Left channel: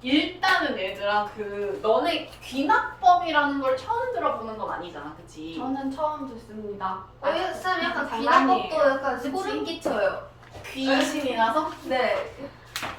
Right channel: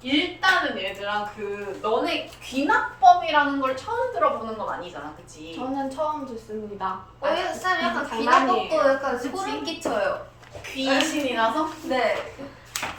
일단은 얘들아 너네 귀납법이라는 걸 처음 들어보는 건 아니잖아, 그치? 저는 처음 듣습니다. 쌤 약간 장난이에요. 귀납법도 약간 그치? 소름 끼쳐요. 귀신이 나서? 네.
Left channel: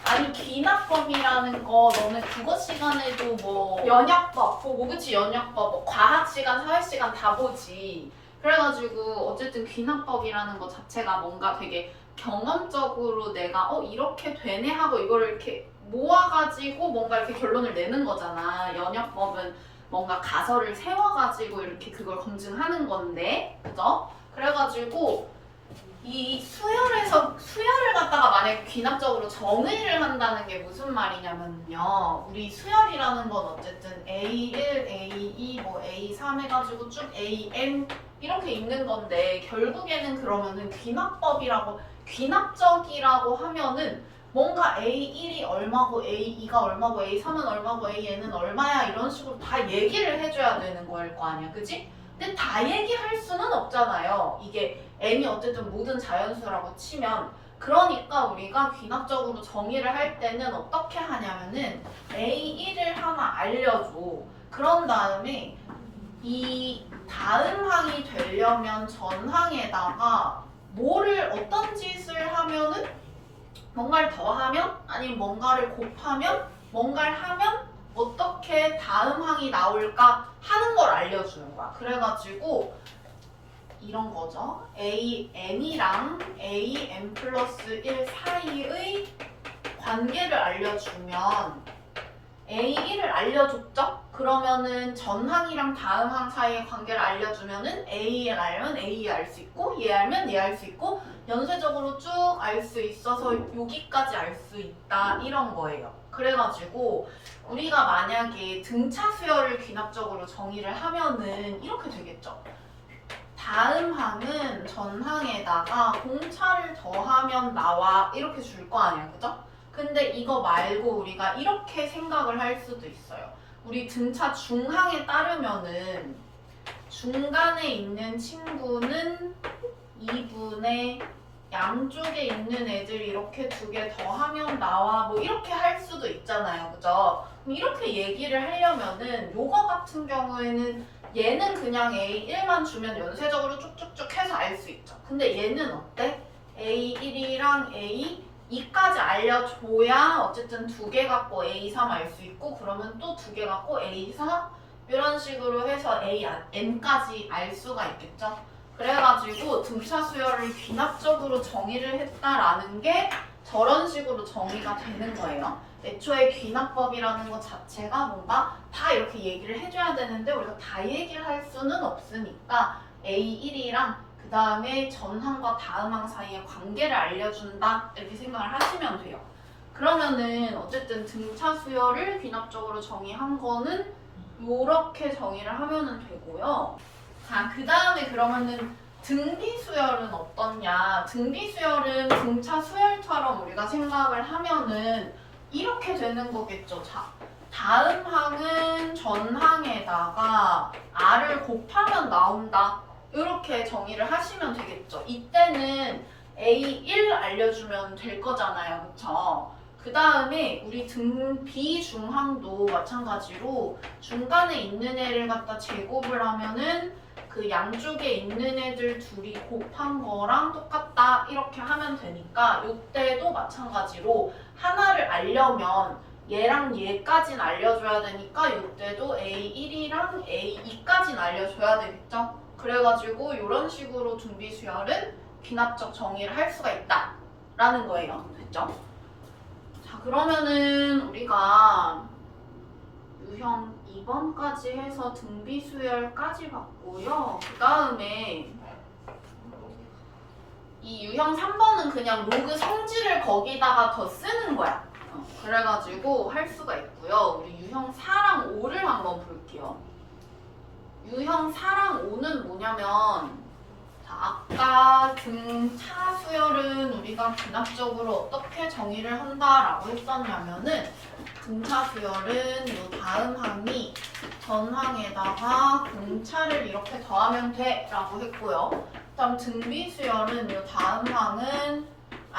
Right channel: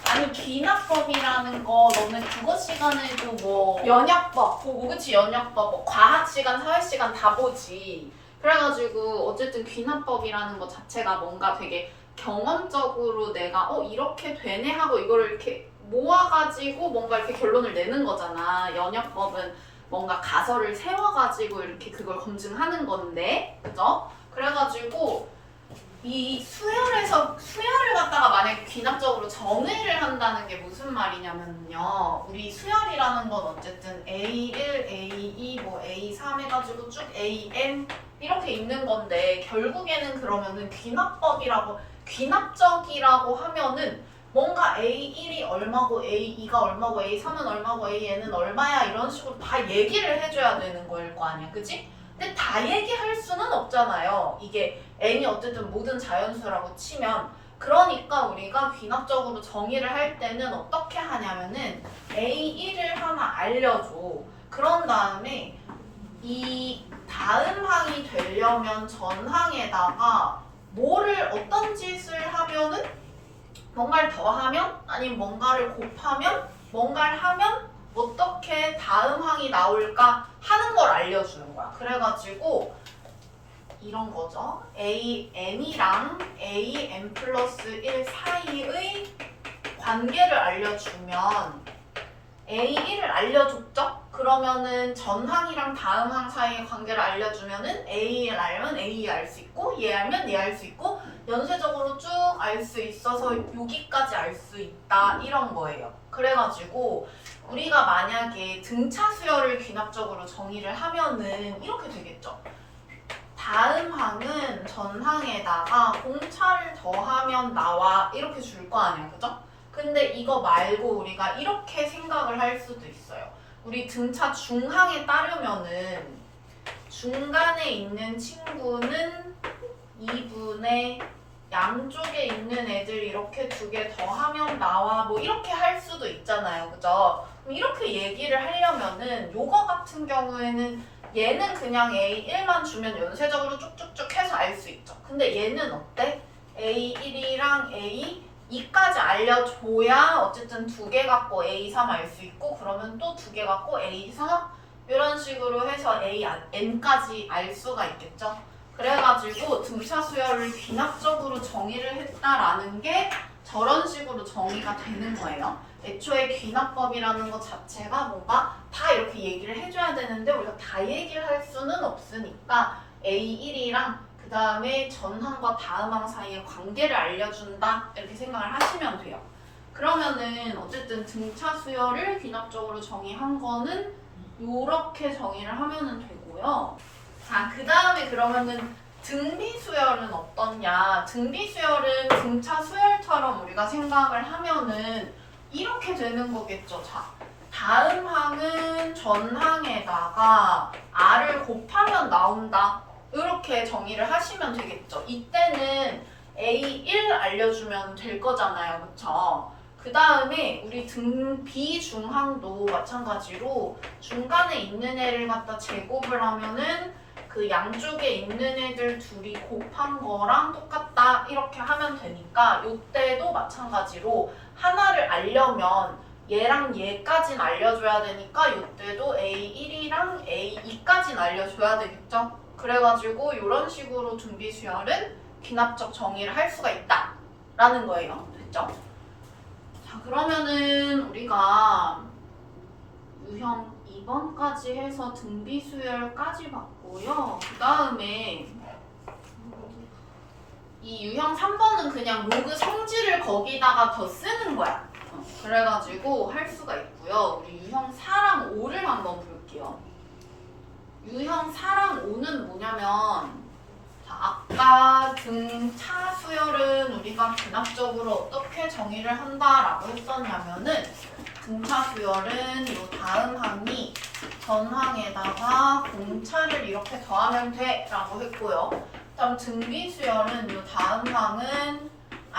아니 귀납법이라는 거 너네 국어 시간에도 뭐 연역법. 그치 연역법, 뭐 과학 시간, 사회 시간 다 보지. 그래가지고 어쨌든 귀납법이라는 거 자체가 뭔가 되게 경험적으로 내가 이렇게 되네 하고 이걸 이렇게 모아가지고 뭔가 이렇게 결론을 내는 거잖아. 연역법은 뭔가 가설을 세워가지고 이렇게 그걸 검증하는 건데, 그죠? 그래가지고 이 수열을 갖다가 만약에 귀납적으로 정의를 한다는 게 무슨 말이냐면요. 우리 수열이라는 건 어쨌든 A1, A2, 뭐 A3 해가지고 쭉 AN 이렇게 있는 건데 결국에는 그러면은 귀납적이라고 하면은 뭔가 A1이 얼마고 A2가 얼마고 A3은 얼마고 AN은 얼마야 이런 식으로 다 얘기를 해줘야 되는 거일 거 아니야, 그치? 근데 다 얘기할 수는 없잖아요. 이게 n이 어쨌든 모든 자연수라고 치면 그러니까 우리가 귀납적으로 정의를 할 때는 어떻게 하냐면은 A1을 하나 알려줘. 그런 다음에 이 다음 항이 되려면 전 항에다가 어떤 짓을 하면은 뭔가를 더하면 아니면 뭔가를 곱하면 뭔가를 하면 어떻게 다음 항이 나올까 하는 걸 알려주는 거야. 그래가지고 이런 거죠. AN이랑 AN 플러스 1 사이의 관계를 알려주면 A1을 알려줬죠? 그러면은 전항이랑 다음 항 사이의 관계를 알려주면은 A를 알면 A 알 수 있고 얘 알면 얘 알 수 있고 연쇄적으로 쭉 알 수 있어서 여기까지 알 수 있다 이런 거예요. 그래가지고 우리가 만약에 등차 수열을 귀납적으로 정의를 하면은 이렇게 되겠죠. 다음 항은 전 항에다가 공차를 더하면 나와 이렇게 줄 거 아니야, 그죠? 근데 이거 말고 우리가 이렇게 생각을 할 수도 있어요. 우리 등차 중항에 따르면은 중간에 있는 친구는 2분의 양쪽에 있는 애들 이렇게 두 개 더하면 나와 뭐 이렇게 할 수도 있잖아요, 그죠? 그럼 이렇게 얘기를 하려면은 요거 같은 경우에는 얘는 그냥 A1만 주면 연쇄적으로 쭉쭉쭉 해서 알 수 있죠. 근데 얘는 어때? A1이랑 A2까지 알려줘야 어쨌든 두 개 갖고 A3 알 수 있고 그러면 또 두 개 갖고 A4 이런 식으로 해서 N까지 알 수가 있겠죠. 그래가지고 등차 수열을 귀납적으로 정의를 했다라는 게 저런 식으로 정의가 되는 거예요. 애초에 귀납법이라는 것 자체가 뭔가 다 이렇게 얘기를 해줘야 되는데 우리가 다 얘기를 할 수는 없으니까 A1이랑 그 다음에 전항과 다음항 사이의 관계를 알려준다 이렇게 생각을 하시면 돼요. 그러면은 어쨌든 등차 수열을 귀납적으로 정의한 거는 이렇게 정의를 하면은 되고요. 자, 그 다음에 그러면은 등비수열은 어떠냐? 등비수열은 등차 수열처럼 우리가 생각을 하면은 이렇게 되는 거겠죠. 자, 다음 항은 전 항에다가 r을 곱하면 나온다. 이렇게 정의를 하시면 되겠죠. 이때는 A1 알려주면 될 거잖아요. 그쵸? 그 다음에 우리 비중항도 마찬가지로 중간에 있는 애를 갖다 제곱을 하면은 그 양쪽에 있는 애들 둘이 곱한 거랑 똑같다 이렇게 하면 되니까 이때도 마찬가지로 하나를 알려면 얘랑 얘까진 알려줘야 되니까 이때도 A1이랑 A2까진 알려줘야 되겠죠. 그래가지고 이런 식으로 등비수열은 귀납적 정의를 할 수가 있다 라는 거예요. 됐죠? 자, 그러면은 우리가 유형 2번까지 해서 등비수열까지 봤고요. 그 다음에 이 유형 3번은 그냥 로그 성질을 거기다가 더 쓰는 거야. 그래가지고 할 수가 있고요. 우리 유형 4랑 5를 한번 볼게요. 유형 4랑 5는 뭐냐면 자, 아까 등차 수열은 우리가 귀납적으로 어떻게 정의를 한다라고 했었냐면은 등차 수열은 요 다음 항이 전 항에다가 공차를 이렇게 더하면 돼 라고 했고요. 그다음 등비 수열은 요 다음 항은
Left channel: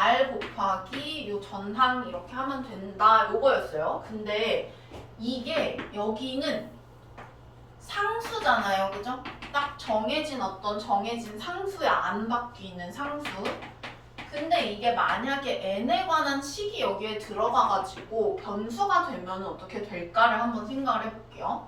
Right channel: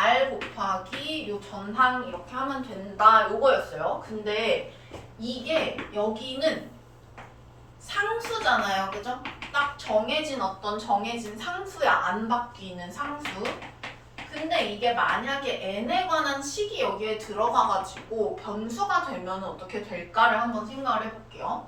R 곱하기 요 전항 이렇게 하면 된다 요거였어요. 근데 이게 여기는 상수잖아요. 그죠? 딱 정해진 어떤 정해진 상수에 안 바뀌는 상수. 근데 이게 만약에 n에 관한 식이 여기에 들어가가지고 변수가 되면 어떻게 될까를 한번 생각을 해볼게요.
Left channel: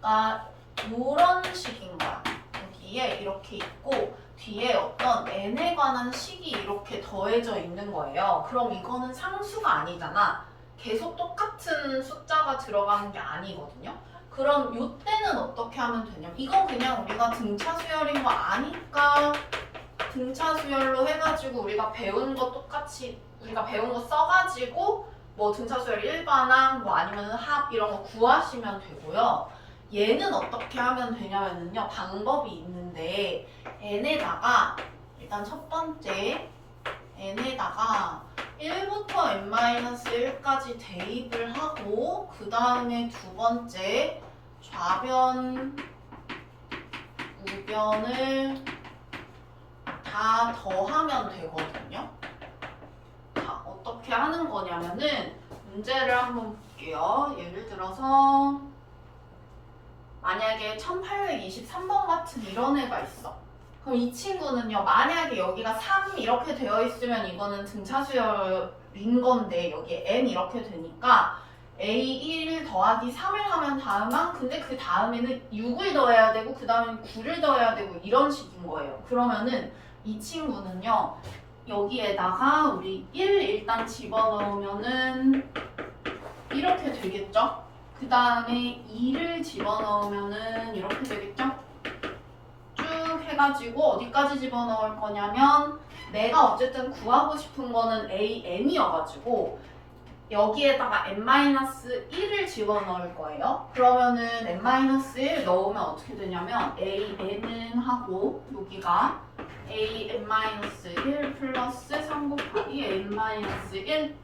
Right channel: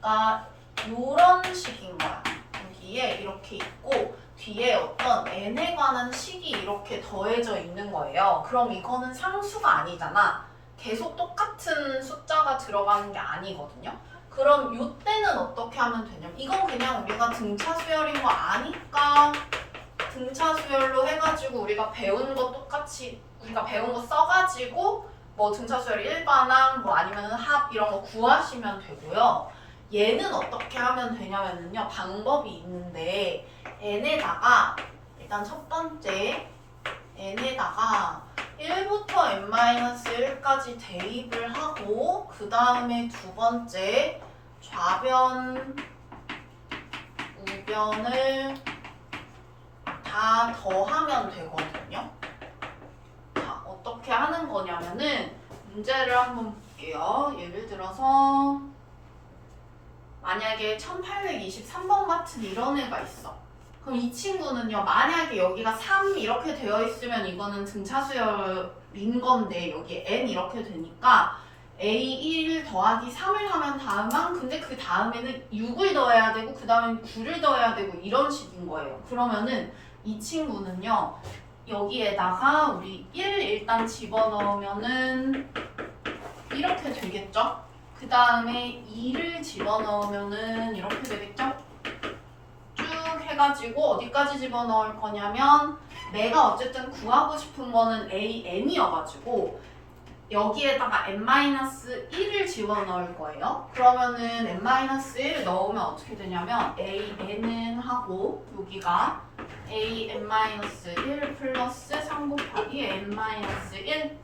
그러니까 이런 식인 거야. 여기에 이렇게 있고 뒤에 어떤 n에 관한 식이 이렇게 더해져 있는 거예요. 그럼 이거는 상수가 아니잖아. 계속 똑같은 숫자가 들어가는 게 아니거든요. 그럼 이때는 어떻게 하면 되냐면 이건 그냥 우리가 등차 수열인 거 아니까 등차 수열로 해가지고 우리가 배운 거 똑같이 우리가 배운 거 써가지고 뭐 등차 수열 일반항 뭐 아니면 합 이런 거 구하시면 되고요. 얘는 어떻게 하면 되냐면요 방법이 있는데 n에다가 일단 첫 번째 n에다가 1부터 n-1까지 대입을 하고 그 다음에 두 번째 좌변 우변을 다 더하면 되거든요. 자, 어떻게 하는 거냐면은 문제를 한번 볼게요. 예를 들어서 만약에 1823번 같은 이런 애가 있어. 그럼 이 친구는요. 만약에 여기가 3 이렇게 되어 있으면 이거는 등차 수열인 건데 여기 n 이렇게 되니까 A1 더하기 3을 하면 다음항 근데 그 다음에는 6을 더해야 되고 그 다음엔 9를 더해야 되고 이런 식인 거예요. 그러면은 이 친구는요. 여기에다가 우리 1 일단 집어넣으면은 이렇게 되겠죠? 그 다음에 2를 집어넣으면은 이렇게 되겠죠? 쭉 해가지고 어디까지 집어넣을 거냐면 내가 어쨌든 구하고 싶은 거는 AN이어가지고 여기에다가 n-1을 집어넣을 거예요. 그러면은 n-1 넣으면 어떻게 되냐면 AN은 하고 여기가 AN-1 플러스 3 곱하기 n-1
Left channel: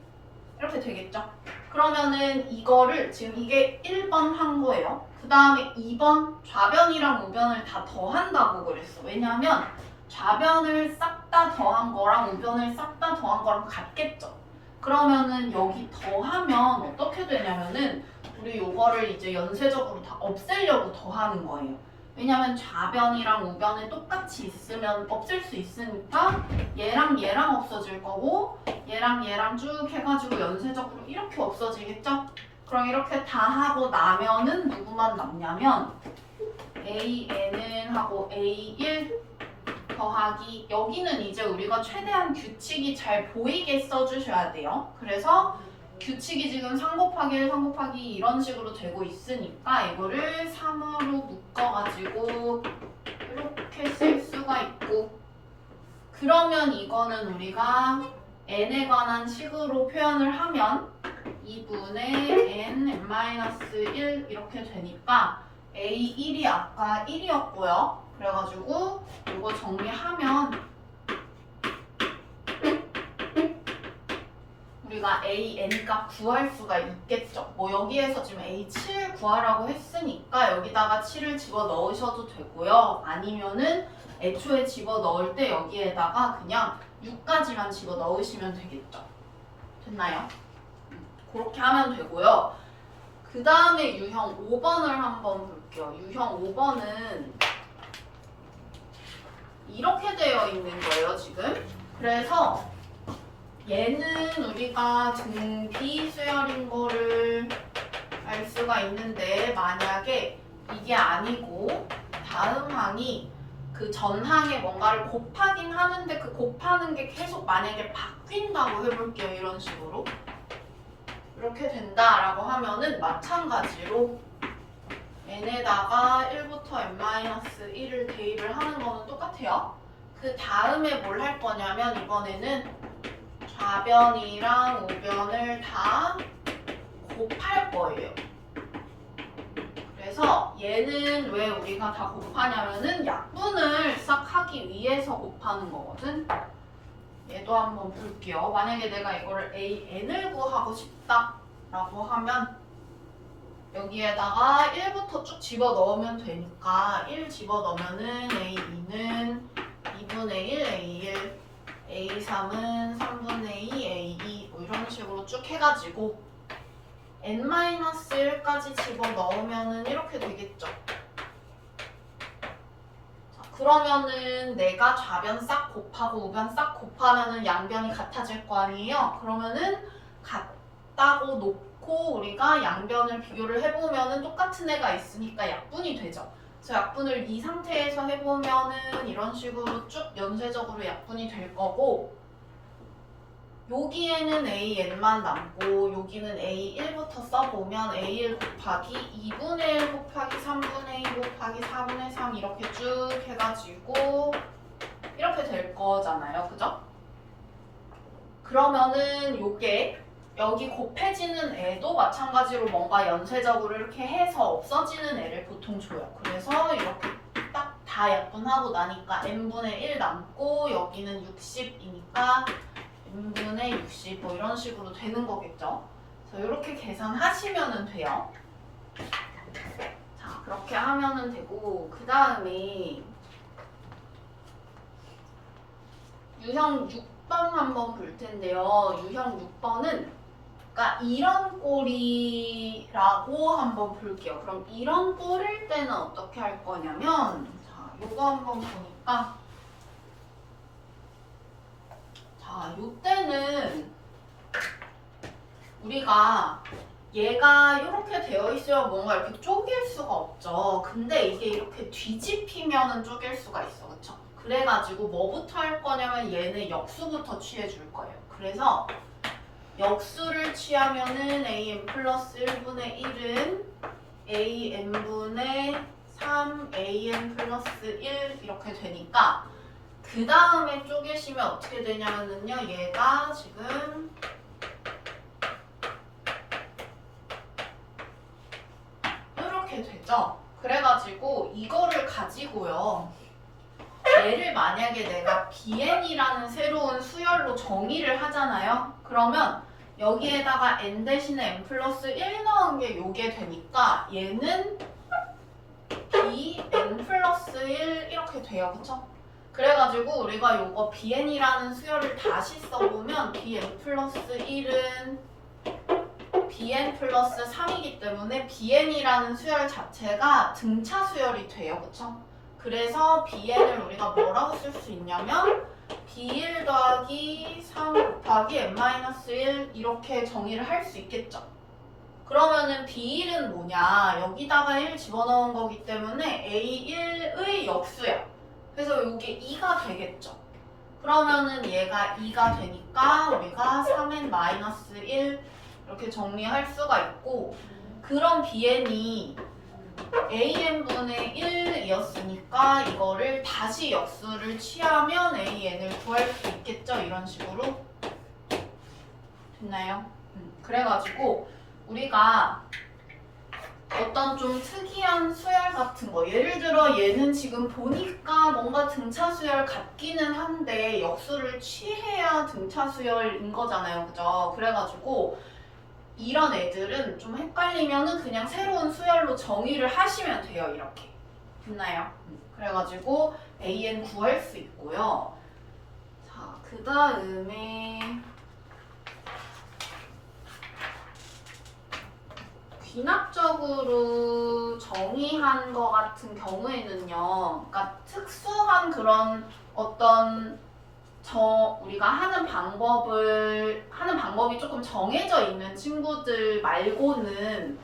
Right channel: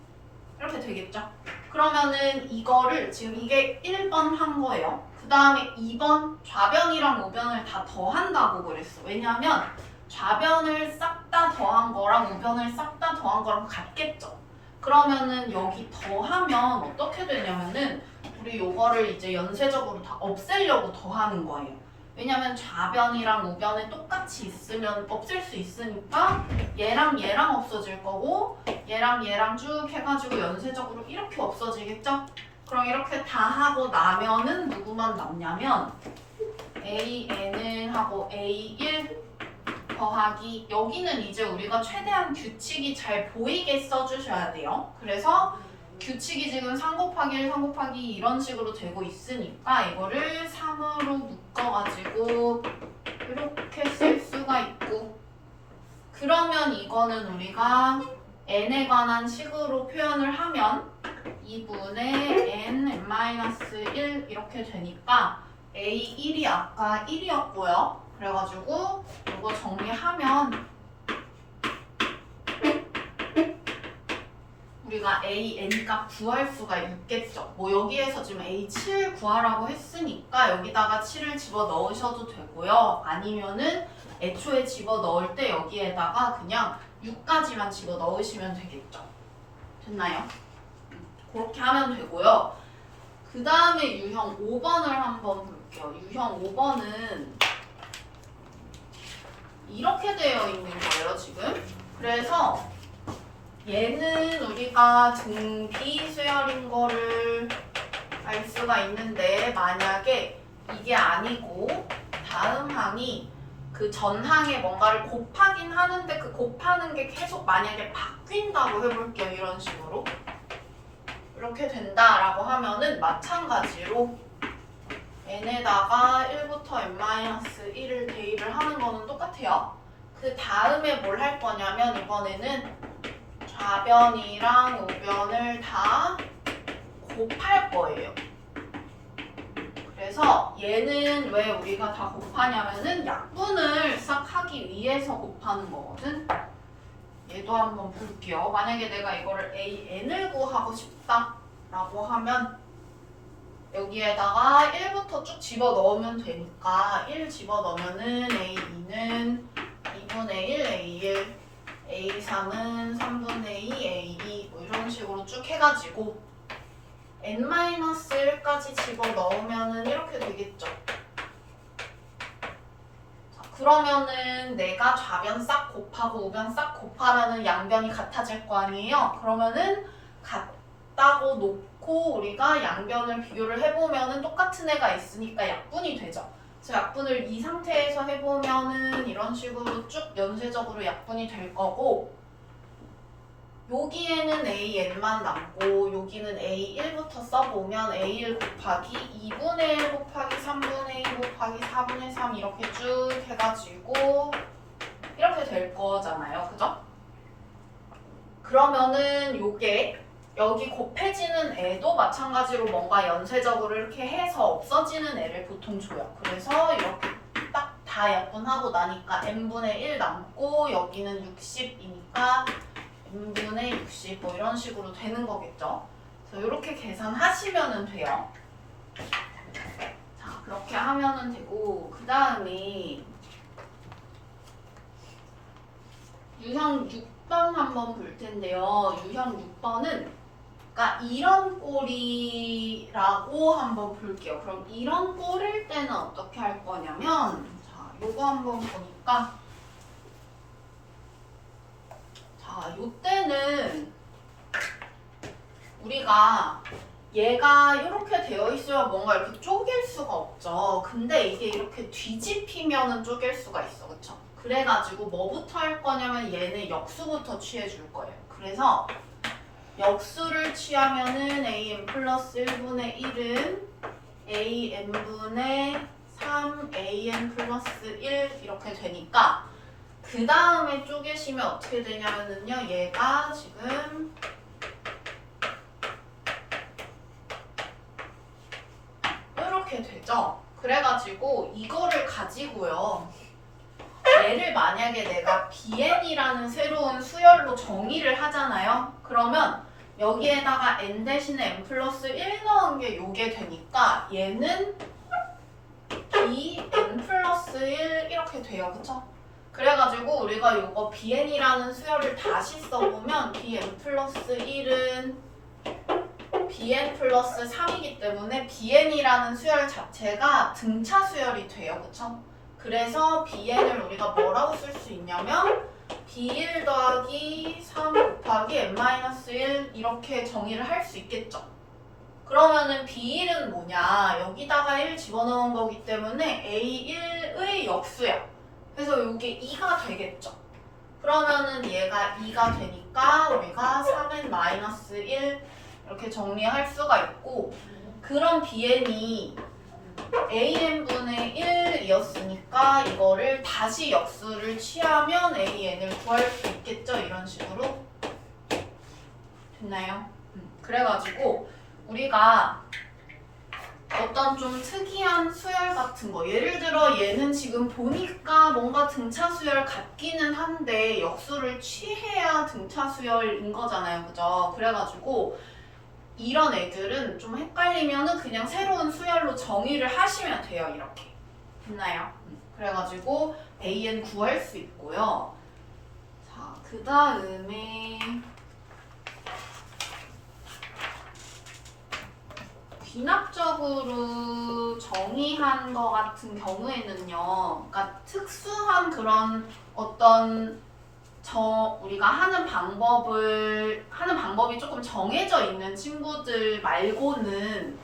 이렇게 되겠죠? 그러면은 이거를 지금 이게 1번 한 거예요. 그 다음에 2번 좌변이랑 우변을 다 더한다고 그랬어. 왜냐면 좌변을 싹 다 더한 거랑 우변을 싹 다 더한 거랑 같겠죠. 그러면은 여기 더하면 어떻게 되냐면은 우리 요거를 이제 연쇄적으로 다 없애려고 더하는 거예요. 왜냐면 좌변이랑 우변이 똑같이 있으면 없앨 수 있으니까 얘랑 얘랑 없어질 거고 얘랑 얘랑 쭉 해가지고 연쇄적으로 이렇게 없어지겠죠? 그럼 이렇게 다 하고 나면은 누구만 남냐면 AN은 하고 A1 더하기 여기는 이제 우리가 최대한 규칙이 잘 보이게 써주셔야 돼요. 그래서 규칙이 지금 3 곱하기 1, 3 곱하기 2 이런 식으로 되고 있으니까 이거를 3으로 묶어가지고 이렇게 쓸 수가 있고 그러면 이거는 우리가 n에 관한 식으로 표현을 하면 2분의 n-1 이렇게 되니까 A1이 아까 1이었고요. 그래가지고 이거 정리하면 우리가 AN 값 구할 수가 있겠죠. 뭐 여기에서 지금 A7 구하라고 했으니까 여기다가 7을 집어 넣으셔도 되고요. 아니면은 애초에 집어 넣을 때 여기에다가 그냥 6까지만 집어 넣으시면 되겠죠. 됐나요? 그렇게 하면 되고요. 그 다음에 유형 5번을 한번 볼게요. 유형 5번은 이렇게 되어 있는 거예요, 지금. 그래서 얘는 우리가 등비 수열인 거를 알 수가 있는데 만약에 이게 아니고 다음 항이 그 전항에 뭔가를 곱하긴 하는데 그 곱하는 게 계속 만약에 바뀐다고 해볼게요. 이런 식으로. 이렇게 된다라고 하면은 마찬가지로 n에다가 1부터 n-1을 대입을 하는 거는 똑같아요. 그 다음에 뭘 할 거냐면 이번에는 좌변이랑 우변을 다 곱할 거예요. 그래서 얘는 왜 우리가 다 곱하냐면은 약분을 싹 하기 위해서 곱하는 거거든. 얘도 한번 볼게요. 만약에 내가 이거를 AN을 구하고 싶다라고 하면 여기에다가 1부터 쭉 집어넣으면 되니까 1 집어넣으면은 A2는 2분의 1 A1 A3은 3분의 2 A2 뭐 이런 식으로 쭉 해가지고 n-1까지 집어넣으면은 이렇게 되겠죠. 자, 그러면은 내가 좌변 싹 곱하고 우변 싹 곱하면은 양변이 같아질 거 아니에요? 그러면은 같다고 놓고 우리가 양변을 비교를 해보면은 똑같은 애가 있으니까 약분이 되죠. 그래서 약분을 이 상태에서 해보면은 이런 식으로 쭉 연쇄적으로 약분이 될 거고, 여기에는 AN만 남고 여기는 A1부터 써보면 A1 곱하기 2분의 1 곱하기 3분의 2 곱하기 4분의 3 이렇게 쭉 해가지고 이렇게 될 거잖아요. 그죠? 그러면은 요게 여기 곱해지는 애도 마찬가지로 뭔가 연쇄적으로 이렇게 해서 없어지는 애를 보통 줘요. 그래서 이렇게 딱 다 약분하고 나니까 n분의 1 남고 여기는 60이니까 n분의 60 뭐 이런 식으로 되는 거겠죠. 그래서 이렇게 계산하시면 돼요. 자, 그렇게 하면 되고, 그 다음에 유형 6번 한번 볼 텐데요. 유형 6번은 그러니까 이런 꼴이라고 한번 볼게요. 그럼 이런 꼴일 때는 어떻게 할 거냐면, 자, 요거 한번 보니까, 자, 요때는 우리가 얘가 이렇게 되어 있어야 뭔가 이렇게 쪼갤 수가 없죠. 근데 이게 이렇게 뒤집히면은 쪼갤 수가 있어. 그쵸? 그래가지고 뭐부터 할 거냐면 얘는 역수부터 취해 줄 거예요. 그래서 역수를 취하면은 an 플러스 1분의 1은 an분의 3 an 플러스 1 이렇게 되니까, 그 다음에 쪼개시면 어떻게 되냐면요, 얘가 지금 이렇게 되죠. 그래가지고 이거를 가지고요, 얘를 만약에 내가 bn이라는 새로운 수열로 정의를 하잖아요. 그러면 여기에다가 n 대신에 n 플러스 1 넣은 게 요게 되니까 얘는 bn 플러스 1 이렇게 돼요. 그쵸? 그래가지고 우리가 요거 bn이라는 수열을 다시 써보면 bn 플러스 1은 bn 플러스 3이기 때문에 bn이라는 수열 자체가 등차 수열이 돼요. 그쵸? 그래서 bn을 우리가 뭐라고 쓸 수 있냐면 b1 더하기 3 곱하기 n-1 이렇게 정의를 할 수 있겠죠. 그러면은 b1은 뭐냐, 여기다가 1 집어넣은 거기 때문에 a1의 역수야. 그래서 이게 2가 되겠죠. 그러면은 얘가 2가 되니까 우리가 3n-1 이렇게 정리할 수가 있고, 그런 bn이 an분의 1이었으니까 이거를 다시 역수를 취하면 an을 구할 수 있겠죠. 이런 식으로 됐나요? 그래가지고 우리가 어떤 좀 특이한 수열 같은 거, 예를 들어 얘는 지금 보니까 뭔가 등차 수열 같기는 한데 역수를 취해야 등차 수열인 거잖아요. 그죠? 그래가지고 이런 애들은 좀 헷갈리면은 그냥 새로운 수열로 정의를 하시면 돼요. 이렇게 됐나요? 그래가지고 an 구할 수 있고요. 자, 그 다음에 귀납적으로 정의한 거 같은 경우에는요, 그러니까 특수한 그런 어떤 우리가 하는 방법이 조금 정해져 있는 친구들 말고는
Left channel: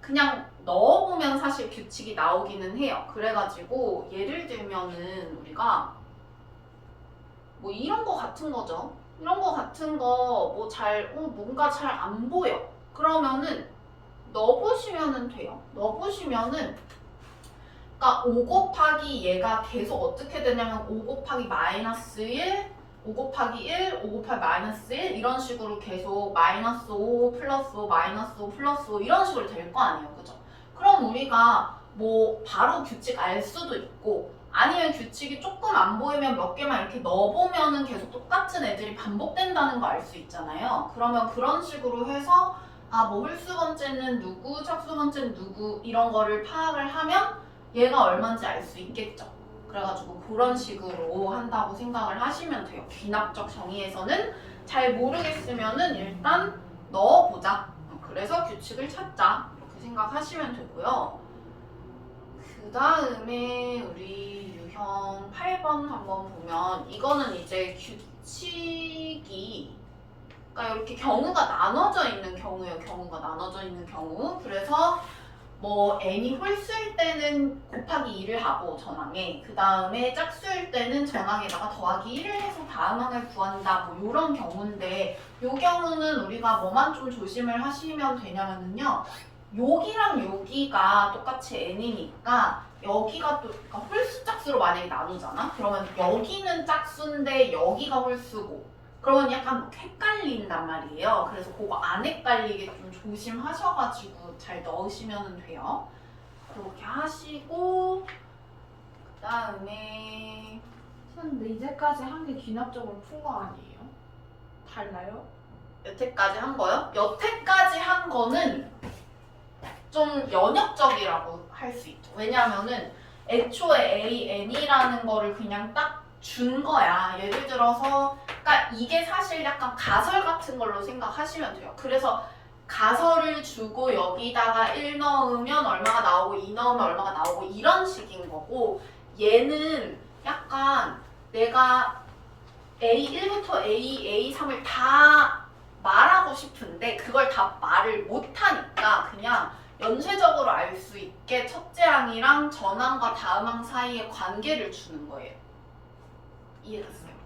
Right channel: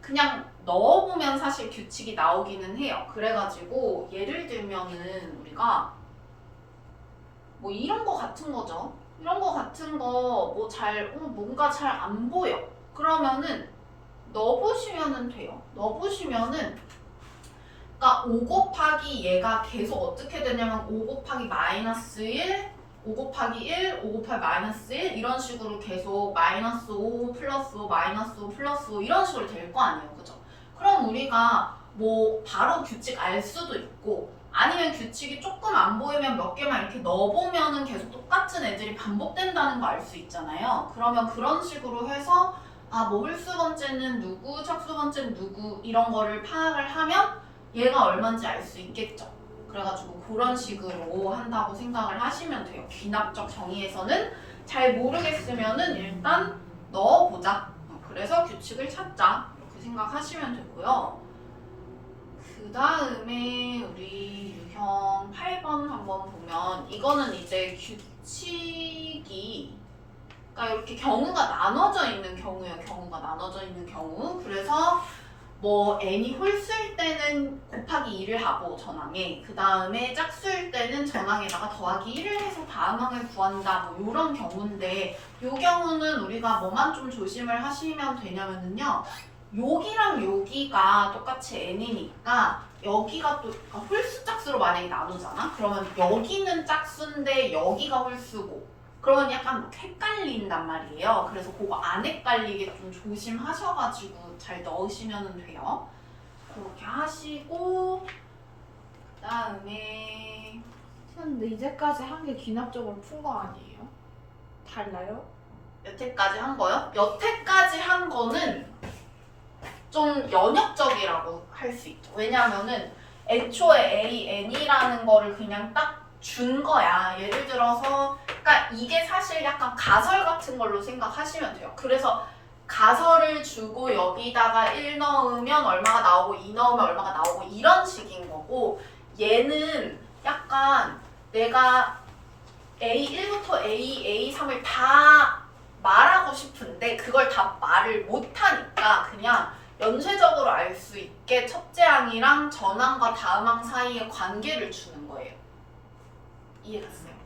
그냥 넣어보면 사실 규칙이 나오기는 해요. 그래가지고 예를 들면은 우리가 뭐 이런 거 같은 거죠. 이런 거 같은 거 뭐 뭔가 잘 안 보여. 그러면은 넣어보시면은 돼요. 넣어보시면은, 그러니까 5 곱하기 얘가 계속 어떻게 되냐면 5 곱하기 마이너스 1, 5 곱하기 1, 5 곱하기 마이너스 1 이런 식으로 계속 마이너스 5 플러스 5 마이너스 5 플러스 5 이런 식으로 될 거 아니에요. 그죠? 그럼 우리가 뭐 바로 규칙 알 수도 있고, 아니면 규칙이 조금 안 보이면 몇 개만 이렇게 넣어보면은 계속 똑같은 애들이 반복된다는 거 알 수 있잖아요. 그러면 그런 식으로 해서 뭐 홀수 번째는 누구, 척수 번째는 누구 이런 거를 파악을 하면 얘가 얼마인지 알 수 있겠죠. 그래가지고 그런 식으로 한다고 생각을 하시면 돼요. 귀납적 정의에서는 잘 모르겠으면은 일단 넣어보자. 그래서 규칙을 찾자. 이렇게 생각하시면 되고요. 그 다음에 우리 유형 8번 한번 보면 이거는 이제 규칙이 그러니까 이렇게 경우가 나눠져 있는 경우예요. 경우가 나눠져 있는 경우. 그래서 뭐 n이 홀수일 때는 곱하기 2를 하고 전항에 그 다음에 짝수일 때는 전항에다가 더하기 1을 해서 다항을 구한다 뭐 이런 경우인데 이 경우는 우리가 뭐만 좀 조심을 하시면 되냐면요 여기랑 여기가 똑같이 n이니까 여기가 또 그러니까 홀수 짝수로 만약에 나누잖아 그러면 여기는 짝수인데 여기가 홀수고 그러면 약간 막 헷갈린단 말이에요. 그래서 그거 안 헷갈리게 좀 조심하셔가지고 잘 넣으시면 돼요. 그렇게 하시고 그 다음에 근데 이제까지 한 게 귀납적으로 푼 거 아니에요? 달라요? 여태까지 한 거요? 여태까지 한 거는 좀 연역적이라고 할 수 있죠. 왜냐면은 애초에 AN이라는 거를 그냥 딱 준 거야. 예를 들어서 그러니까 이게 사실 약간 가설 같은 걸로 생각하시면 돼요. 그래서 가설을 주고 여기다가 1 넣으면 얼마가 나오고 2 넣으면 얼마가 나오고 이런 식인 거고 얘는 약간 내가 A1부터 A, A3을 다 말하고 싶은데 그걸 다 말을 못하니까 그냥 연쇄적으로 알 수 있게 첫째 항이랑 전항과 다음 항 사이의 관계를 주는 거예요. 이해갔어요?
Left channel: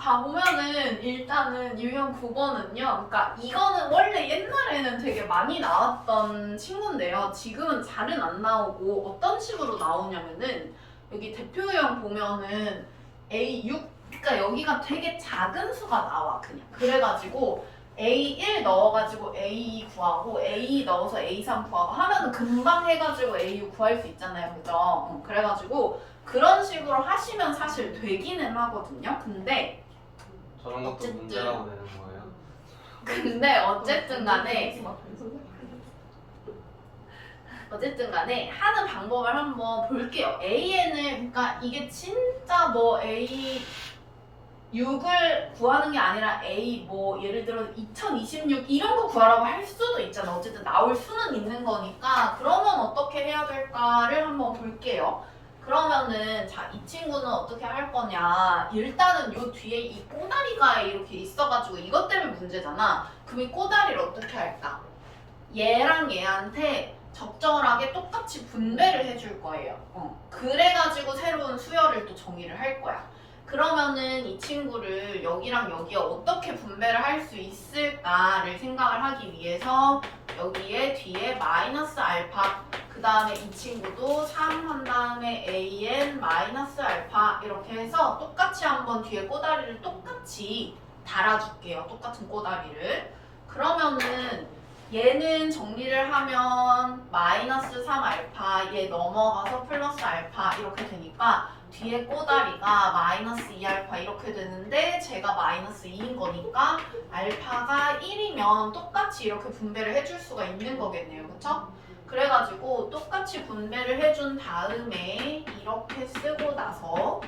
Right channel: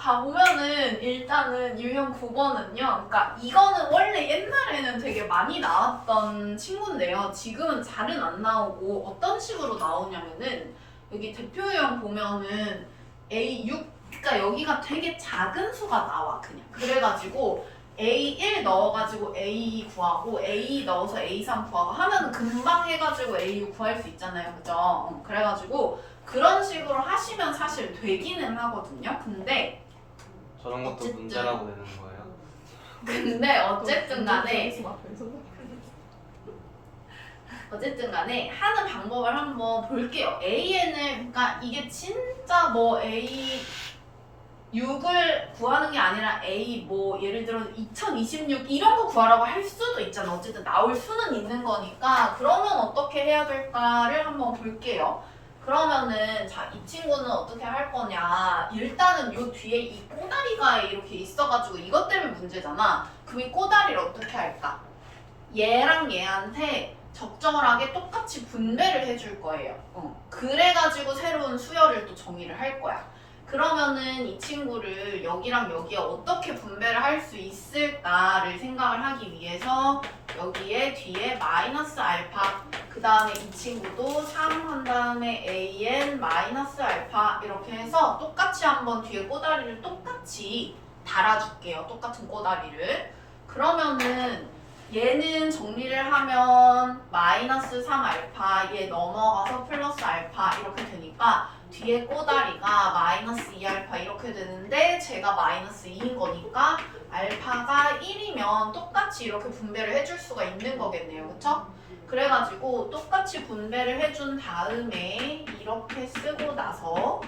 자 보면은 일단은 유형 9번은요 그러니까 이거는 원래 옛날에는 되게 많이 나왔던 친구인데요 지금은 잘은 안 나오고 어떤 식으로 나오냐면은 여기 대표 유형 보면은 A6 그러니까 여기가 되게 작은 수가 나와 그냥 그래가지고 A1 넣어가지고 A2 구하고 A2 넣어서 A3 구하고 하면은 금방 해가지고 A6 구할 수 있잖아요 그죠? 그래가지고 그런 식으로 하시면 사실 되기는 하거든요. 근데 저런 것도 어쨌든. 문제라고 되는 거예요? 근데 어쨌든 간에 하는 방법을 한번 볼게요. AN을 그러니까 이게 진짜 뭐 A6을 구하는 게 아니라 A 뭐 예를 들어 2026 이런 거 구하라고 할 수도 있잖아. 어쨌든 나올 수는 있는 거니까 그러면 어떻게 해야 될까를 한번 볼게요. 그러면은 자 이 친구는 어떻게 할 거냐 일단은 요 뒤에 이 꼬다리가 이렇게 있어가지고 이것 때문에 문제잖아 그럼 이 꼬다리를 어떻게 할까 얘랑 얘한테 적절하게 똑같이 분배를 해줄 거예요 그래가지고 새로운 수열을 또 정의를 할 거야 그러면은 이 친구를 여기랑 여기에 어떻게 분배를 할 수 있을까를 생각을 하기 위해서 여기에 뒤에 마이너스 알파 그 다음에 이 친구도 3 한 다음에 AN 마이너스 알파 이렇게 해서 똑같이 한번 뒤에 꼬다리를 똑같이 달아줄게요. 똑같은 꼬다리를. 그러면은 얘는 정리를 하면 마이너스 3 알파 얘 넘어가서 플러스 알파 이렇게 되니까 뒤에 꼬다리가 마이너스 2알파 이렇게 되는데 제가 마이너스 2인 거니까 알파가 1이면 똑같이 이렇게 분배를 해줄 수가 있는 거겠네요. 그쵸? 그래가지고 똑같이 분배를 해준 다음에 이렇게 쓰고 나서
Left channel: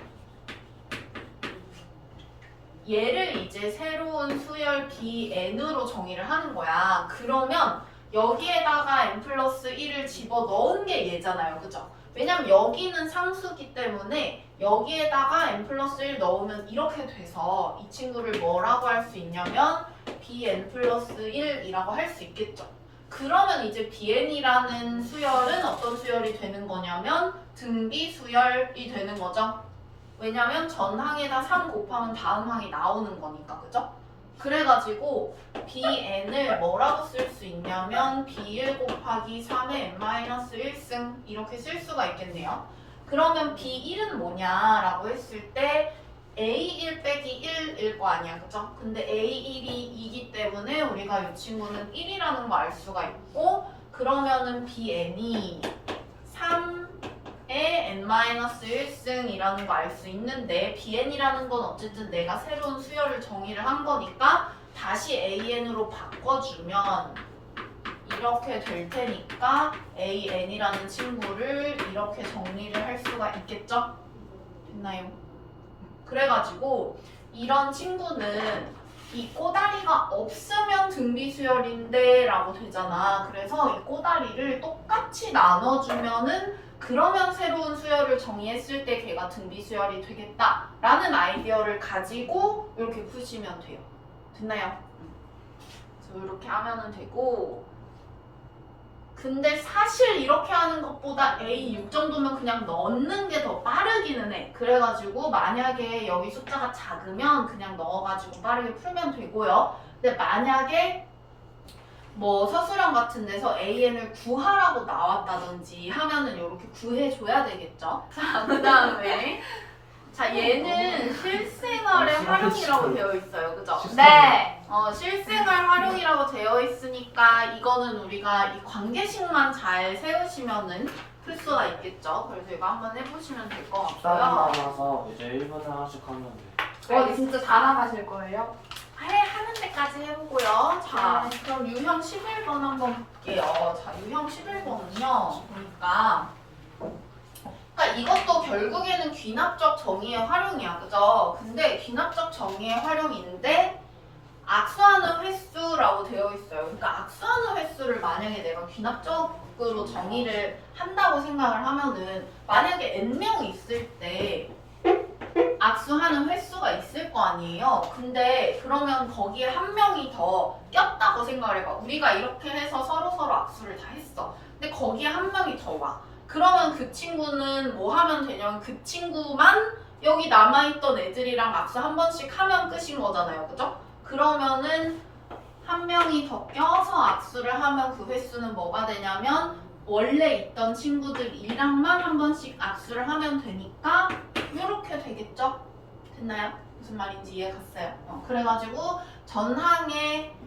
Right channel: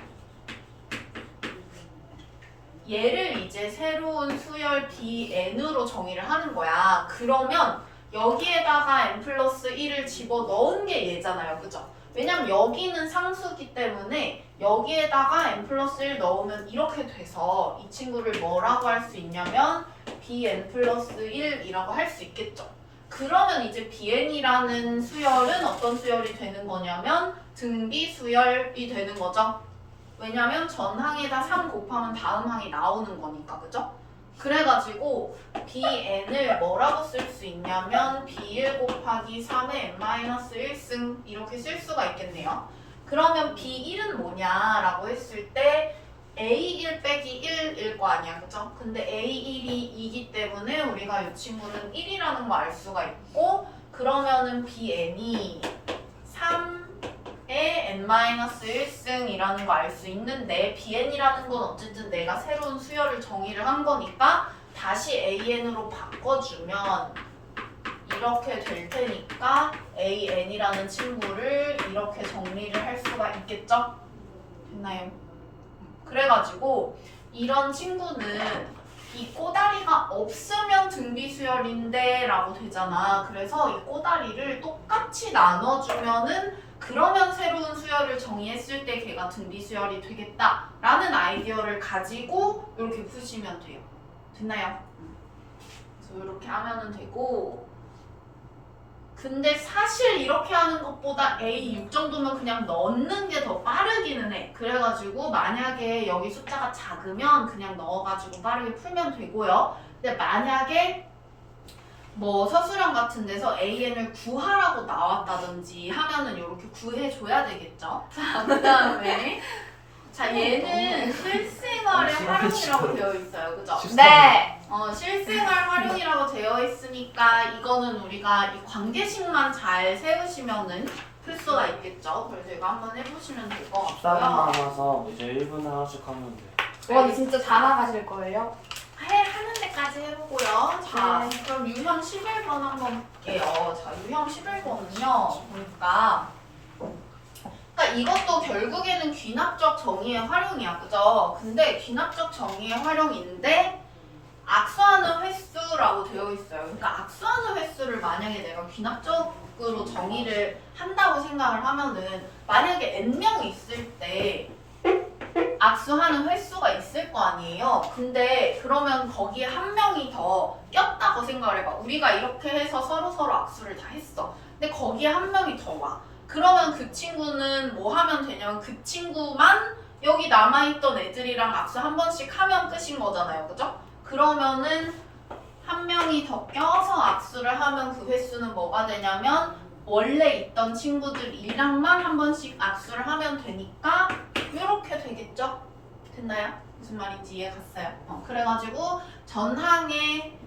얘를 이제 새로운 수열 Bn으로 정의를 하는 거야. 그러면 여기에다가 n 플러스 1을 집어넣은 게 얘잖아요. 그죠? 왜냐면 여기는 상수기 때문에 여기에다가 n 플러스 1 넣으면 이렇게 돼서 이 친구를 뭐라고 할 수 있냐면 Bn 플러스 1이라고 할 수 있겠죠. 그러면 이제 Bn이라는 수열은 어떤 수열이 되는 거냐면 등비 수열이 되는 거죠. 왜냐면 전항에다 3 곱하면 다음 항이 나오는 거니까 그죠? 그래가지고 Bn을 뭐라고 쓸 수 있냐면 B1 곱하기 3의 n-1승 이렇게 쓸 수가 있겠네요. 그러면 B1은 뭐냐라고 했을 때 A1 빼기 1일 거 아니야 그죠? 근데 A1이 2기 때문에 우리가 이 친구는 1이라는 거 알 수가 있고 그러면은 Bn이 3의 n-1승이라는 거 알 수 있는데 Bn이라는 건 어쨌든 내가 새로운 수열을 정의를 한 거니까 다시 AN으로 바꿔주면 이렇게 될 테니까 AN이라는 친구를 이렇게 정리를 할 수가 있겠죠? 됐나요? 그래가지고 이런 친구는 이 꼬다리가 없으면 등비수열인데 라고 되잖아. 그래서 이 꼬다리를 똑같이 나눠주면은 그러면 새로운 수열을 정의했을 때 걔가 등비수열이 되겠다 라는 아이디어를 가지고 이렇게 푸시면 돼요. 됐나요? 그래서 이렇게 하면은 되고, 근데 사실 이렇게 하는 것보다 A6 정도면 그냥 넣는 게 더 빠르기는 해. 그래가지고 만약에 여기 숫자가 작으면 그냥 넣어가지고 빠르게 풀면 되고요. 근데 만약에 뭐 서술형 같은 데서 AN을 구하라고 나왔다든지 하면은 이렇게 구해줘야 되겠죠. 자, 그 다음에 자, 얘는 실생활의 활용이라고 되어 있어요. 그죠? 네. 실생활 활용이라고 되어 있으니까 이거는 우리가 이 관계식만 잘 세우시면은 풀 수가 있겠죠. 그래서 이거 한번 해보시면 될 것 같고요. 따라서 이제 1분 하나씩 하면 돼. 와, 진짜 다 나가실 거예요? 하는 데까지 해보고요. 자, 네. 그럼 유형 11번 한번 볼게요. 자, 유형 11번은요. 보니까 그러니까 이것도 결국에는 귀납적 정의의 활용이야. 그죠? 근데 귀납적 정의의 활용인데 악수하는 횟수라고 되어 있어요. 그러니까 악수하는 횟수를 만약에 내가 귀납적으로 정의를 한다고 생각을 하면은 만약에 n명이 있을 때 악수하는 횟수가 있을 거 아니에요. 근데 그러면 거기에 한 명이 더 꼈다고 생각을 해봐. 우리가 이렇게 해서 서로 악수를 다 했어. 근데 거기에 한 명이 더 와. 그러면 그 친구는 뭐 하면 되냐면 그 친구만 여기 남아있던 애들이랑 악수 한 번씩 하면 끝인 거잖아요. 그죠? 그러면은 한 명이 더 껴서 악수를 하면 그 횟수는 뭐가 되냐면 원래 있던 친구들이랑만 한 번씩 악수를 하면 되니까 이렇게 되겠죠? 됐나요? 무슨 말인지 이해 갔어요? 그래가지고 전항에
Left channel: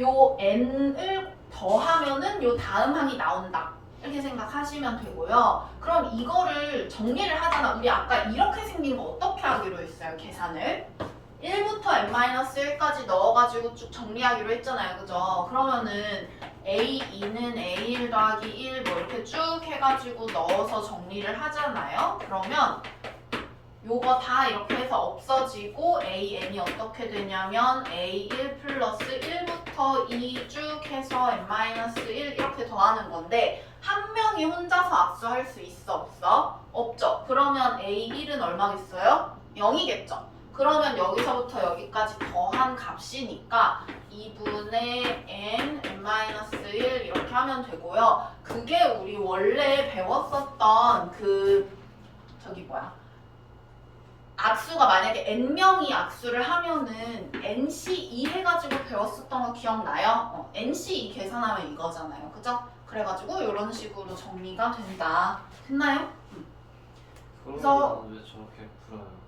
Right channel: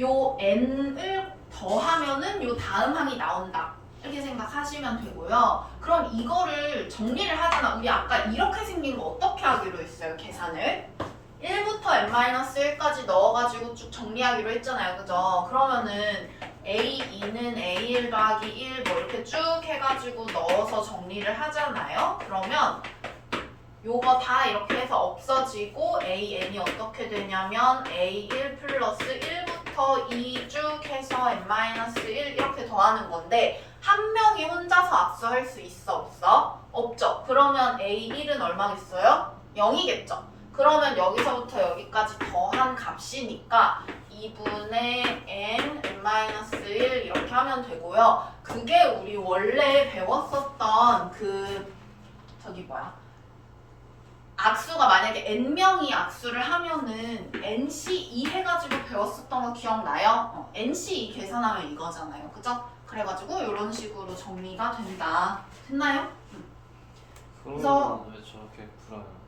요 n을 더하면은 요 다음 항이 나온다. 이렇게 생각하시면 되고요. 그럼 이거를 정리를 하잖아. 우리 아까 이렇게 생긴 거 어떻게 하기로 했어요? 계산을 1부터 n-1까지 넣어가지고 쭉 정리하기로 했잖아요. 그죠? 그러면은 A2는 A1 더하기 1 뭐 이렇게 쭉 해가지고 넣어서 정리를 하잖아요. 그러면 요거 다 이렇게 해서 없어지고 AN이 어떻게 되냐면 A1 플러스 1부터 2 쭉 해서 n-1 이렇게 더하는 건데 한 명이 혼자서 악수할 수 있어? 없어? 없죠. 그러면 A1은 얼마겠어요? 0이겠죠. 그러면 여기서부터 여기까지 더한 값이니까 2분의 n-1 이렇게 하면 되고요. 그게 우리 원래 배웠었던 악수가 만약에 n명이 악수를 하면은 nc2 해가지고 배웠었던 거 기억나요? nc2 계산하면 이거잖아요. 그죠? 그래가지고 이런 식으로 정리가 된다. 됐나요? 그래서 왜 저렇게 풀어요?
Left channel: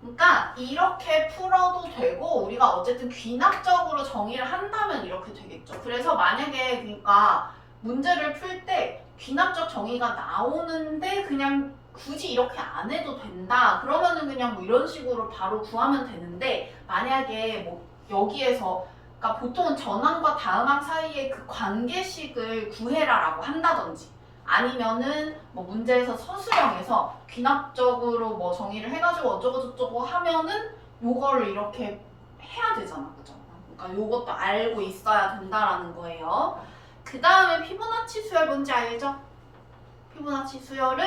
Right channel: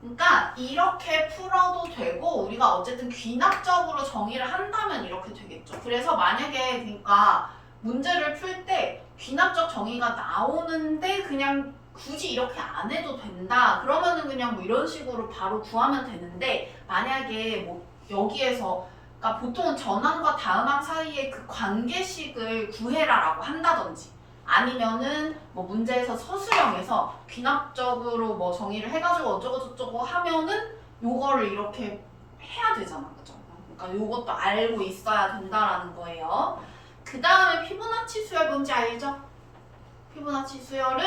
그러니까 이렇게 풀어도 되고 우리가 어쨌든 귀납적으로 정의를 한다면 이렇게 되겠죠. 그래서 만약에 그러니까 문제를 풀 때 귀납적 정의가 나오는데 그냥 굳이 이렇게 안 해도 된다. 그러면은 그냥 뭐 이런 식으로 바로 구하면 되는데 만약에 뭐 여기에서 그러니까 보통은 전항과 다음항 사이의 그 관계식을 구해라라고 한다든지 아니면은 뭐 문제에서 서술형에서 귀납적으로 뭐 정의를 해가지고 어쩌고저쩌고 하면은 요거를 이렇게 해야 되잖아. 그죠? 그러니까 요것도 알고 있어야 된다라는 거예요. 그 다음에 피보나치 수열 뭔지 알죠? 피보나치 수열은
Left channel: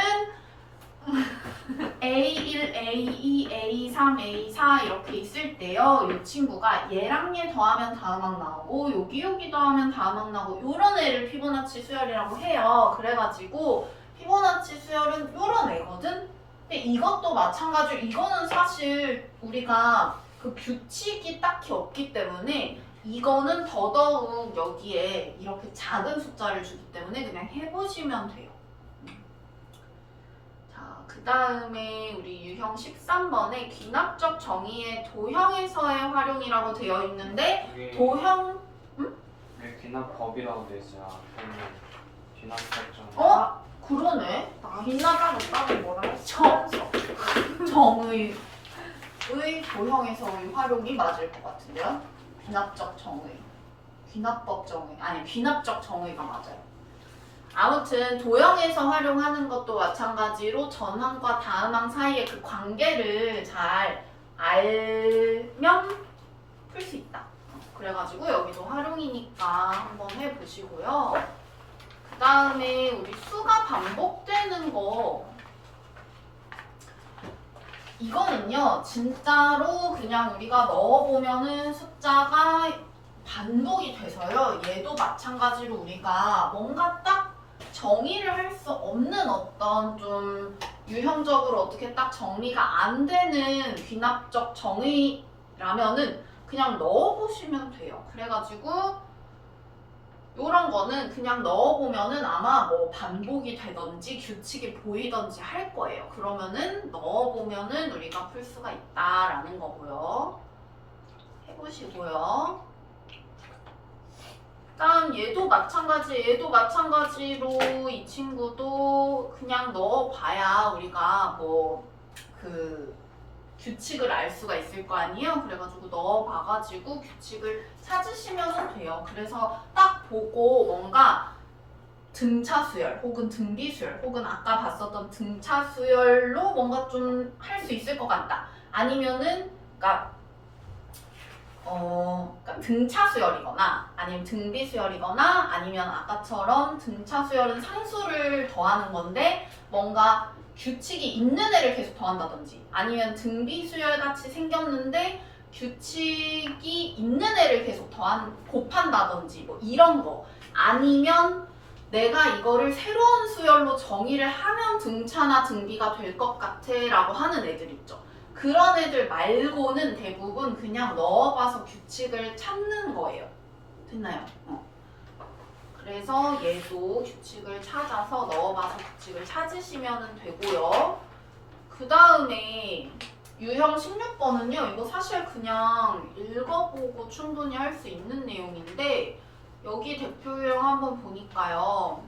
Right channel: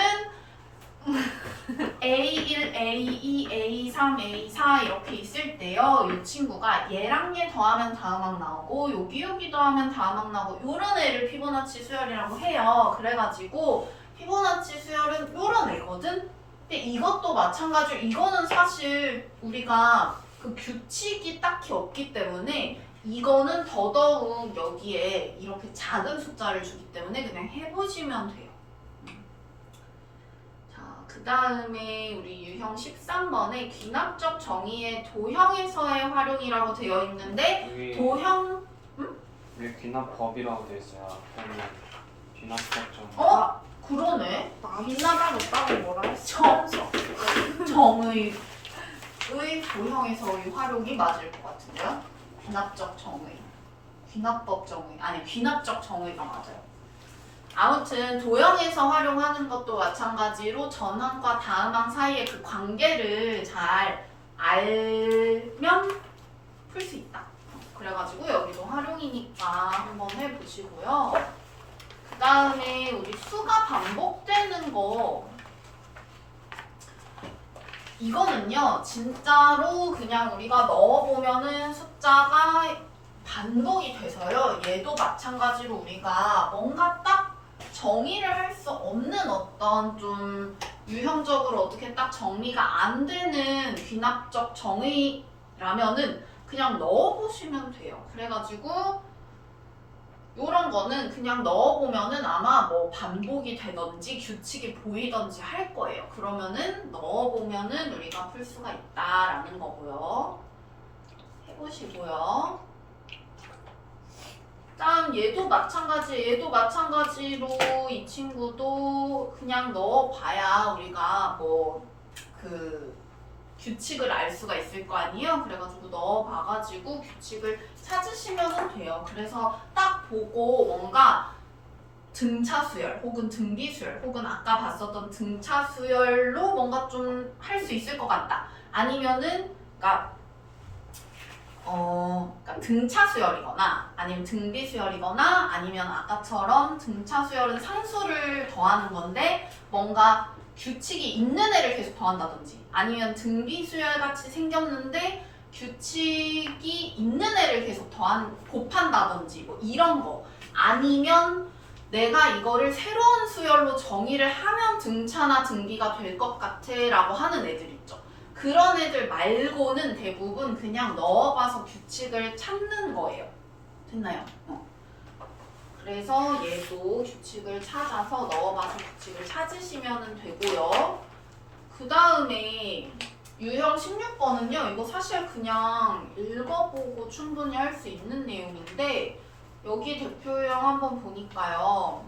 A1, A2, A3, A4 이렇게 있을 때요. 이 친구가 얘랑 얘 더하면 다음항 나오고 여기 더하면 다음항 나오고 이런 애를 피보나치 수열이라고 해요. 그래가지고 피보나치 수열은 이런 애거든? 근데 이것도 마찬가지로 이거는 사실 우리가 그 규칙이 딱히 없기 때문에 이거는 더더욱 여기에 이렇게 작은 숫자를 주기 때문에 그냥 해보시면 돼요. 그 다음에 우리 유형 13번에 귀납적 정의의 도형에서의 활용이라고 되어 있는데 여기 도형 여기 귀납법이라고 돼 있어요. 그러면 귀납법 좀. 그러네. 나가고 따로 뭐라 했어? 정의의 도형에서의 활용이 맞을 것 같은데요. 귀납적 정의. 귀납법 정의 아니 귀납적 정의가 맞아요. 아무튼 도형에서 활용하는 것도 마찬가지로 전항과 다음항 사이의 그 관계를 잘 알면 풀 수 있다. 그래가지고 여기도 활용이니까 한번 해보시고요. 그 다음에 우리 수가 반복되는 거 이거는요 진짜로 그냥 우리가 넣어보면은 숫자가 반복이 돼서요. 얘도 마찬가지로 우리가 뭔가 딱 정의를 할 수 없는 어떤 좀 유형적으로 어떻게 딱 정리가 안 되는 귀납적 정의라면은 그냥 넣어보시면 돼요. 그래가지고 요런 거는 그냥 넣어보면은 아마 뭐 반복이 되던지 규칙이 보이던지 할 거예요. 그러면은 넣어보면은 우리가 풀 수가 있다라는 거고요. 해보시고요. 일단 얘도 마찬가지로 이 친구도 그냥 넣어봐야 우리가 뭐 그 규칙을 알 수가 있을 거 아니에요. 그래가지고 넣어봐가지고 규칙을 찾으시면 돼요. 그래서 딱 보고 뭔가 등차 수열 혹은 등비 수열 혹은 아까 봤었던 등차 수열로 뭔가 좀 할 수 있을 것 같다. 아니면은 그러니까 등차 수열이거나 아니면 등비 수열이거나 아니면 아까처럼 등차 수열은 상수를 더하는 건데 뭔가 규칙이 있는 애를 계속 더한다든지 아니면 등비 수열 같이 생겼는데 규칙이 있는 애를 계속 곱한다든지 뭐 이런 거 아니면 내가 이거를 새로운 수열로 정의를 하면 등차나 등비가 될 것 같아 라고 하는 애들 있죠. 그런 애들 말고는 대부분 그냥 넣어봐서 규칙을 찾는 거예요. 됐나요? 그래서 얘도 규칙을 찾아서 넣어봐서 규칙을 찾으시면 되고요. 그 다음에 유형 16번은요. 이거 사실 그냥 읽어보고 충분히 할 수 있는 내용인데 여기 대표 유형 한번 보니까요.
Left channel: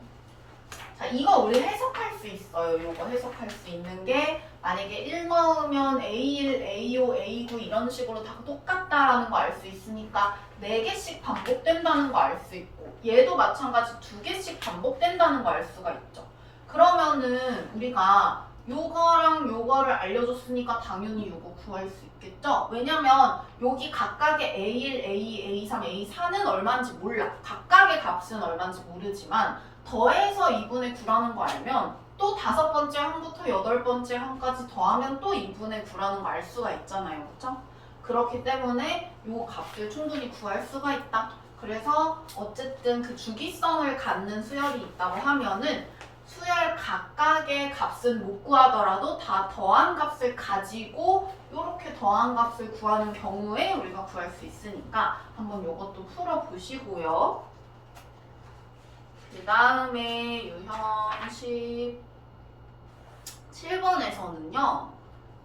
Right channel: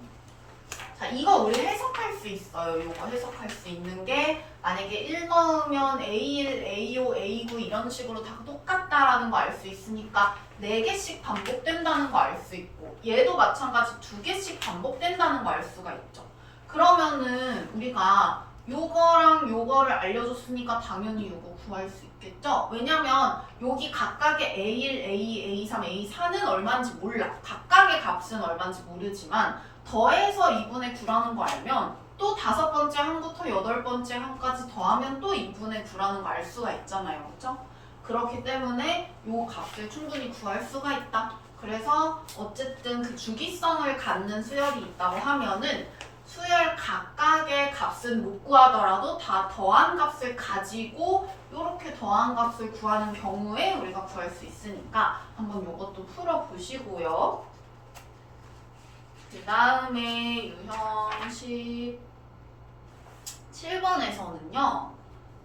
자, 이거 우리 해석할 수 있어요. 이거 해석할 수 있는 게 만약에 1 넣으면 A1, A5, A9 이런 식으로 다 똑같다라는 거 알 수 있으니까 4개씩 반복된다는 거 알 수 있고 얘도 마찬가지 2개씩 반복된다는 거 알 수가 있죠. 그러면은 우리가 요거랑 요거를 알려줬으니까 당연히 요거 구할 수 있겠죠? 왜냐면 여기 각각의 A1, A2, A3, A4는 얼마인지 몰라. 각각의 값은 얼마인지 모르지만 더해서 2분의 9라는 거 알면 또 5번째 항부터 8번째 항까지 더하면 또 2분의 9라는 거 알 수가 있잖아요. 그렇죠? 그렇기 때문에 요 값을 충분히 구할 수가 있다. 그래서 어쨌든 그 주기성을 갖는 수열이 있다고 하면은 수열 각각의 값은 못 구하더라도 다 더한 값을 가지고 이렇게 더한 값을 구하는 경우에 우리가 구할 수 있으니까 한번 이것도 풀어보시고요. 그 다음에 유형 17번에서는요.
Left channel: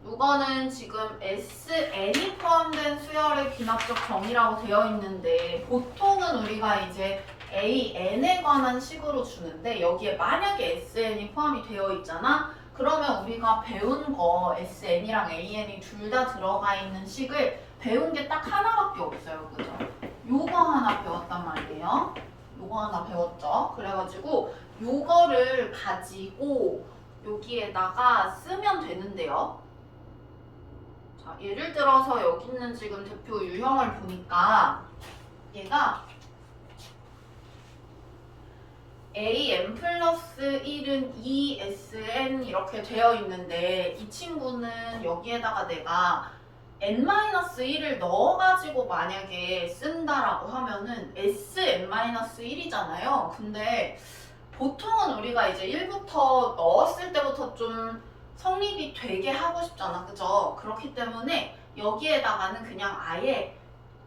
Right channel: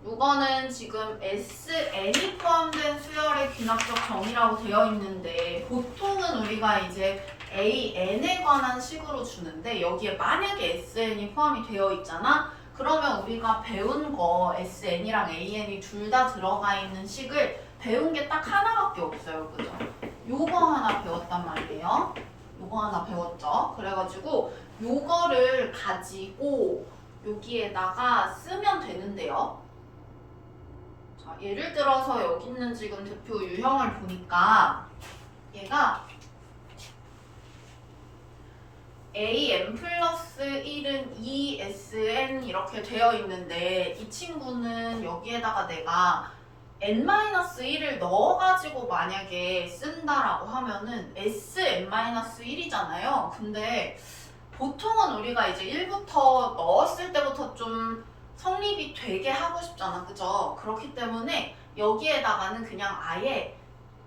이거는 지금 SN이 포함된 수열의 귀납적 정의라고 되어 있는데 보통은 우리가 이제 AN에 관한 식으로 주는데 여기에 만약에 SN이 포함이 되어 있잖아? 그러면 우리가 배운 거 SN이랑 AN이 둘 다 들어가 있는 식을 배운 게 딱 하나밖에 없어요. 그죠? 요거 하나 배웠단 말이에요. 요거 하나 배웠죠? 그래가지고 요거를 가지고 여기에다가 쓰면 되는데요. 자, 예를 들어서 여기 있는 지금 대표 유형을 보니까 얘가 AN 플러스 1은 2SN 이렇게 되어 있는데 이 친구는 여기에다가 내가 N-1을 넣어가지고 만약에 쓴다라고 하면은 SN-1이잖아요. 근데 보통은 우리가 이제 1부터 넣었을 때부터 좀 성립이 되게 하고 싶잖아. 그죠? 그렇기 때문에 여기에다가는 그냥 아예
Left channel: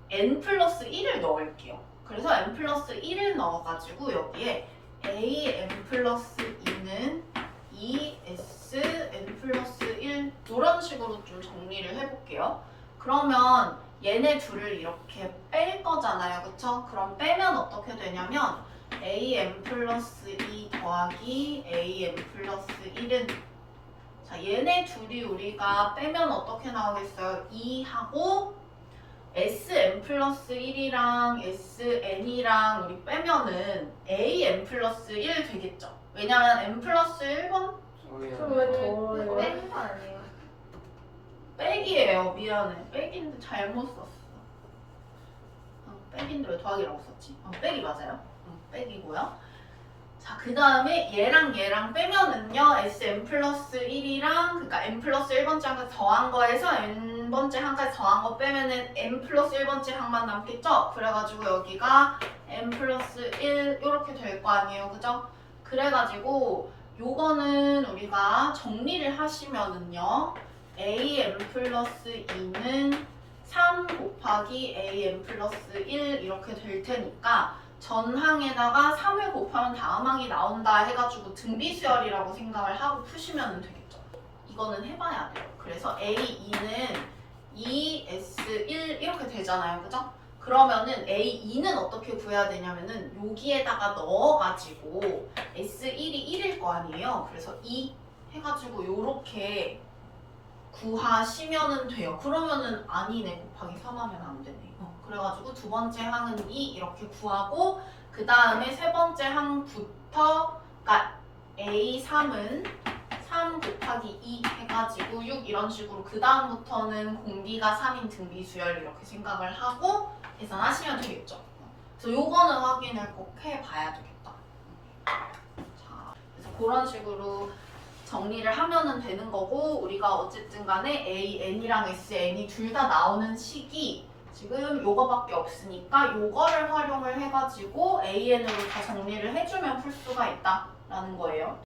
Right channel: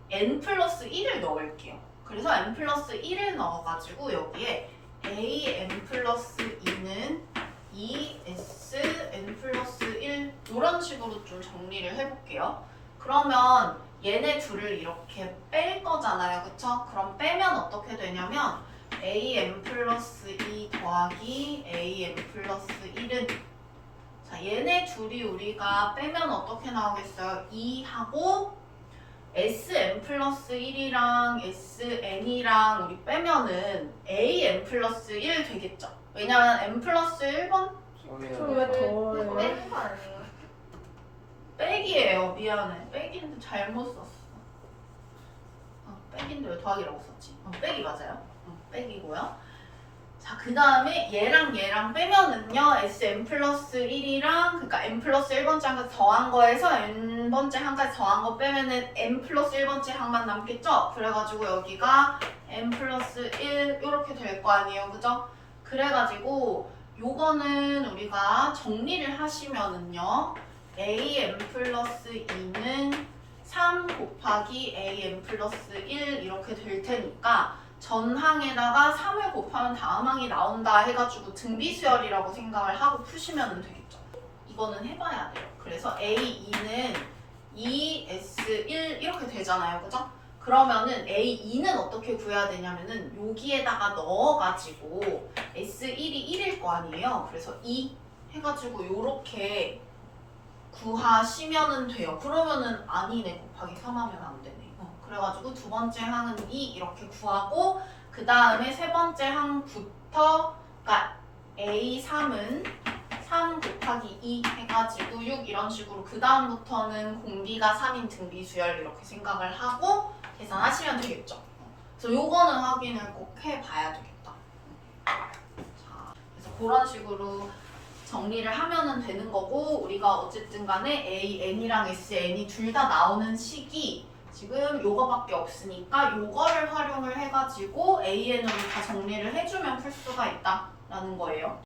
N 플러스 1을 넣을게요. 그래서 N 플러스 1을 넣어가지고 여기에 AN 플러스 2는 2SN 플러스 1 이런 식으로 좀 정리를 해볼게요. 그러면 얘네 둘을 이렇게 뺄 거잖아요. 그쵸? 그럼 빼면 어떻게 되냐면 AN 플러스 2 더하기 AN 플러스 1은 자 얘네 둘이 우리가 빼면 어떻게 나오겠어요? 2하고 Sn 플러스 1이랑 Sn이랑 우리 빼면은 An 플러스 1 되겠죠. 왜냐면 n 플러스 1번 왜 더워요? 빼는 거 아니에요? 빼기예요. 미안해. 빼기인데 잘못 썼어. 빼기인데 왜 더하기라고 썼지? 빼기 맞아요. 빼기고요. 자, 그 다음에 얘랑 빼면은요, Sn 플러스 1이랑, 그러니까 n 플러스 1번째 항까지 더한 거에서 n번째 항까지 더한 거 빼면은 n 플러스 1번째 항만 남겠죠? 그래가지고 여기가 n 플러스 1 이렇게 될 거 아니에요. 그죠? 그래가지고 요거는 우리가 정리를 하시면은요, an 플러스 2는 3 곱하기 an 플러스 1 이렇게 될 테니까 전항에다가 3을 곱하면 다음 항이 나온다 해가지고 등비수열이라고 생각을 하고 푸시면 되겠죠. 이거는 해봐야 돼요. 그래서 A2는 2S1 이렇게 되잖아요. 그죠? 그러면은 A2는 어떻게 구해야 되냐면은 여기에다가 넣어가지고 S1이 1일 거 아니에요. 그래서 2 해가지고 요렇게 구하시면은 돼요. 그러면은 아니네. 곱하기 3 하면 안 되네. 그래가지고 두 번째 항은 2 이렇게 구하고 그 다음에 세 번째 항부터 그러니까 A3은 3 곱하기 2 해가지고 6 이런 식으로 그 다음부터는 공비가 3인 등비수열 이렇게 생각을 하고 계산하시면 되겠죠. 그래서 요거는 확인을 꼭 해봐야 되겠다. 자, 그래서 그런 식으로 정리를 하면은 되는 거고 우리가 어쨌든 간에 AN이랑 SN이 둘 다 나오는 식이 지금 요거밖에 없으니까 요거를 활용을 해가지고 AN으로 다 정리를 해주면 풀 수가 있다라는 거예요.